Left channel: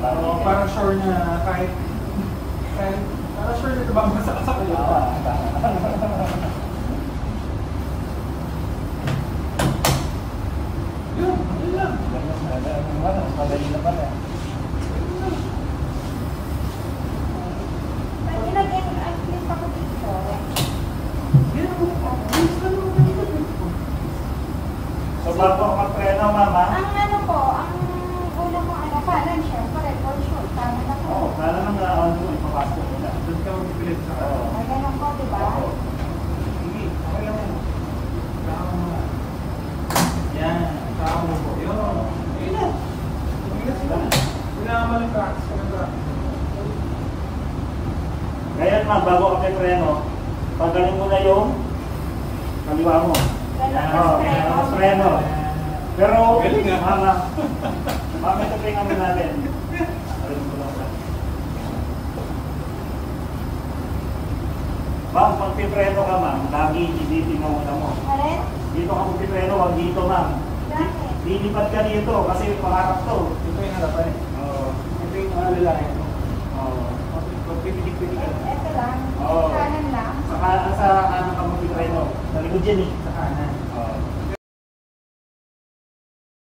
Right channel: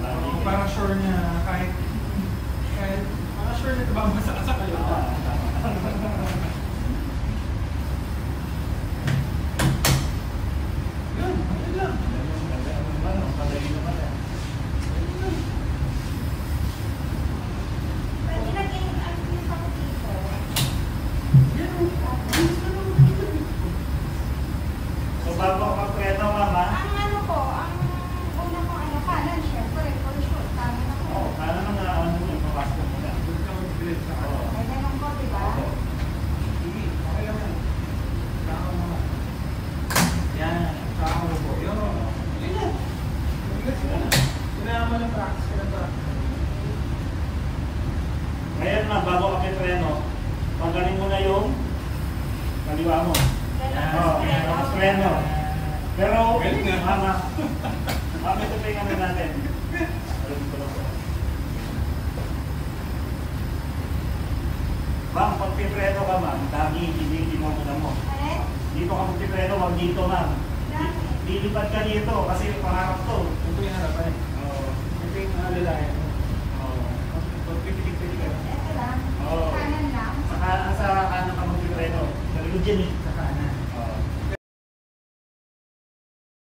Parang sure na kahit parang sure na ito ba masakas ako yun. So bago ako magpreno, mama? Ang ano po, ang una ko ano pa, nun syempre, for sure, tama na po. Oo, kala nang na-on mo, ipapasok ko na. Doon ka mag-grade sa ako. Ay, ganun po, diba? Hindi, okay lang yan. Tsaka mo na. Yan, tsaka mo po. Yun. Yan. Kailangan mo lang practice ka lang practice. Ngayon, ma'am, bago ka preno, pagaling mo na yung kaliwa mo. Preno. Pero, mama, mama, ito tingnan natin. Ma'am, pag pipreno ka, ma'am, lagi dilitin mo una mo. Alin? Dito ka pipreno, wag dito, ma'am. Bakit? Lilipat ka dito kasi pangarap to. Ito yung harapan eh. Oo. Ito yung alalayan mo. Oo. Pipili-pili ka. Ito lang. Oo. Kanan lang. Sa kanan ka magpipreno. Sa likod dyan eh.